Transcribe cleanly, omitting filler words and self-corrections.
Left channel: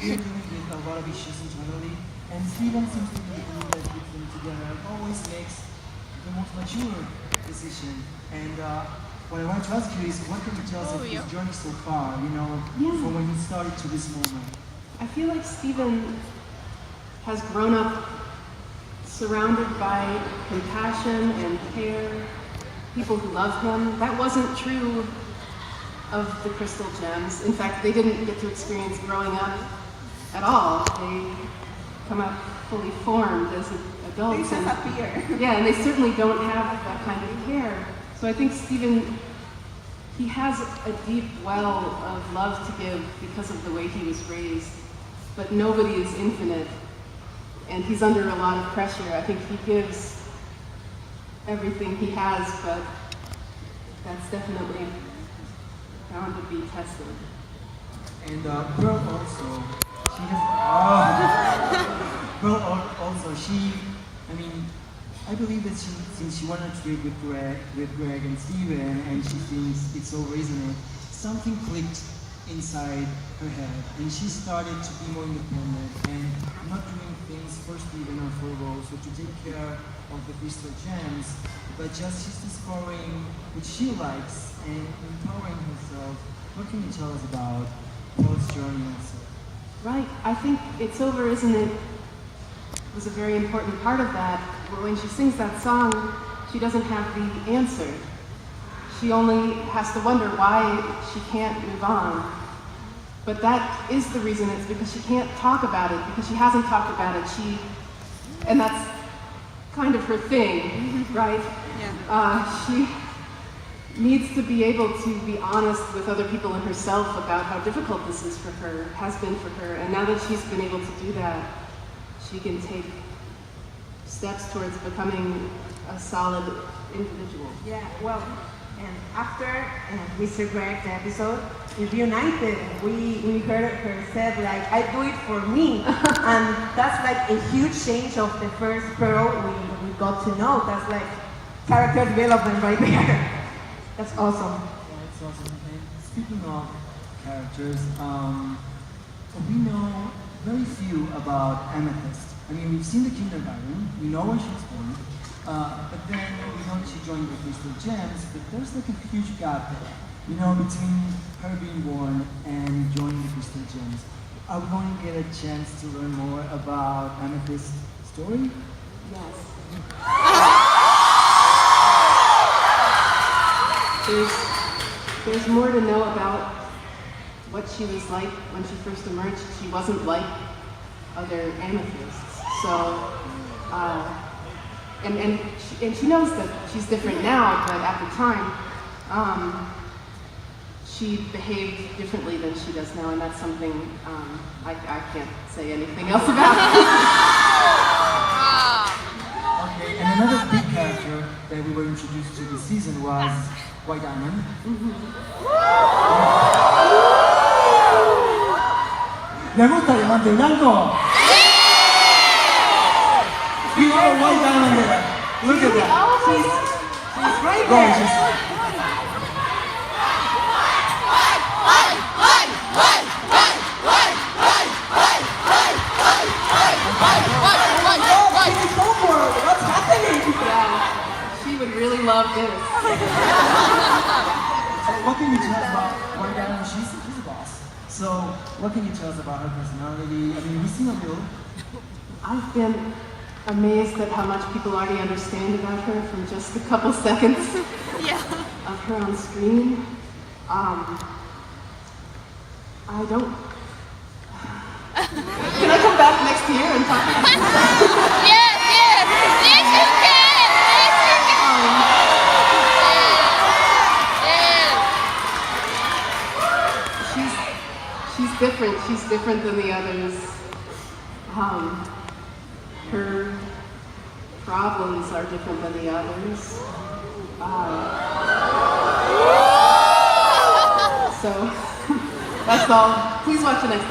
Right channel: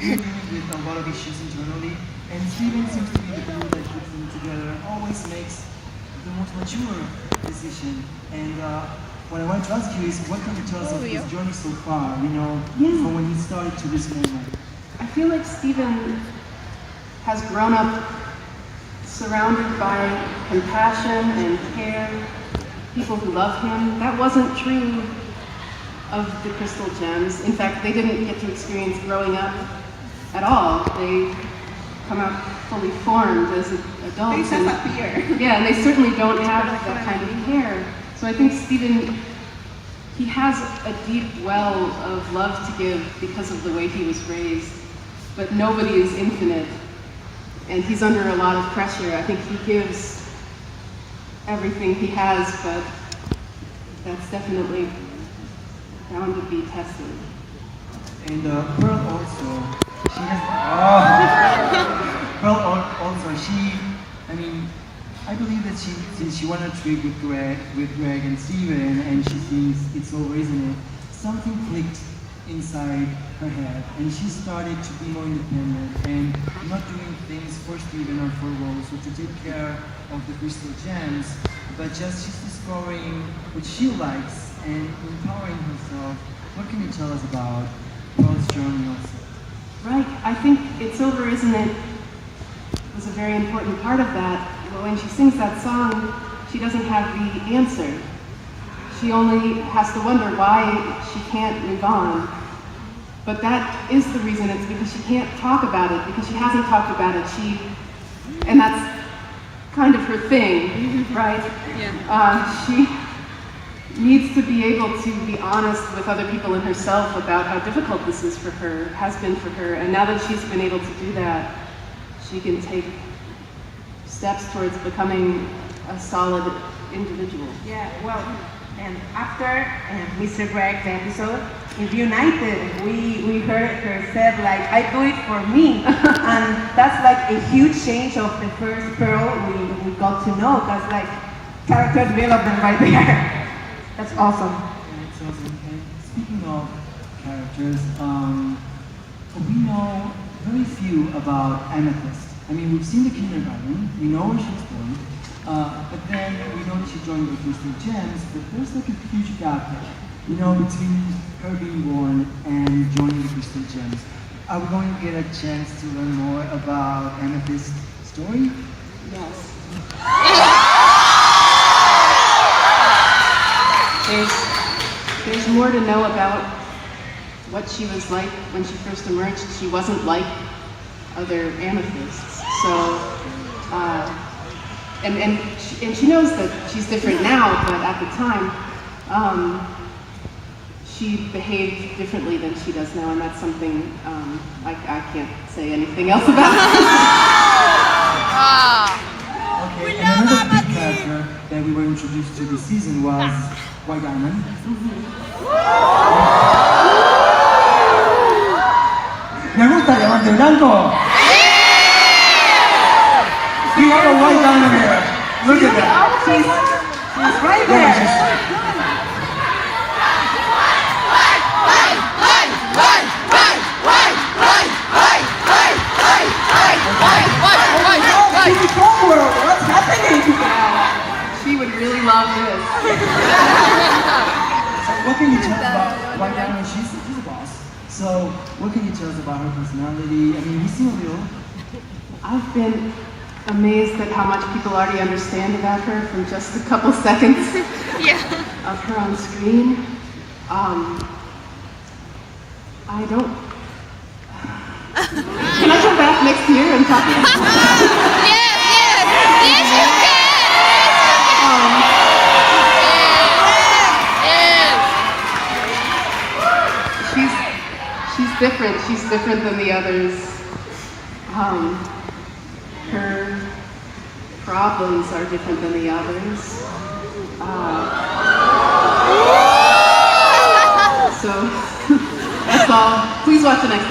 dealing with a lot of issues internally, and Steven seems to be the glue that puts them together and always makes the most mature decision. And what I want to ask you is, what can you tell us of his journey so far, from when he started to this moment? I feel like Steven has grown up surrounded by compassion and care, people who love him. That wasn't true of the Crystal Gems. In fact, they didn't get to experience growing up at all. They come out fully formed as adults. They disappear. Yeah, and they certainly don't have that kind of care. So I think Steven, he has a deep well of love to give because of the way he was raised. But nobody is infinite, and he's under a lot of pressure. I think he gives everything he has, but that's definitely bound to be tested. And Pearl also, she has, Pearl also, I believe that since she went on a trip with Greg and Steven, and she thinks it's over, isn't it? Something clicked inside her head, and she started to be more independent and not doing things for Steven or for Rose or to take care of the Crystal Gems, but just she's discovering what she likes and empowering herself. What can you tell us about Pearl's journey also? Right, I think It's Over, Isn't It was a very important part of that. Well, when she sings that song, she doesn't have the answer. She only has to wonder why she can't move on. But that is the reason. It's because she can't talk about it, because she hasn't talked about it. And that's kind of her thing, right? Yeah. She needs to be able to be honest with other people and herself about how difficult this is for her, has been for her. And now that she's been able to do that, she can take steps towards becoming a solid individual. Yeah, well, and after Mr. Greg's episode, in Reunited, we heard her said, like, I do it for me. And that's like a huge change of the first Pearl we got to know. That's like character development right there. That's awesome. Yeah, it's awesome. And speaking of characters, we know very few about Amethyst. I mean, we've seen the kindergarten, we know where she's born, but then we know she joined the Crystal Gems, but there's like a huge gap there, between her being born and joining the Crystal Gems. Are we going to get a chance to learn more about Amethyst's story? Yes. There's more to know about what she was like when she first emerged. She wasn't like other amethysts. So, and she knows that she's different now, but at the time, she behaved differently than she does now, and that's something I can't say anything else about. Okay, and another big character that we were introduced to this season was White Diamond. ¿Le gusta Diamante Blanco? We have a white diamond there. Look at that. She's right there. What's happening? Yeah, she would really love this. So what can you tell us about White Diamond? She's a boss. So what can you tell us about her personality? I mean, we've seen a little. I've been amazed at how much people already understand about her from just a couple seconds of her on screen. I don't... Can I come back next year and talk about her? Yes, you can! She's different. She's different than the others. Her problems are different than the others. So that's all. Please watch the next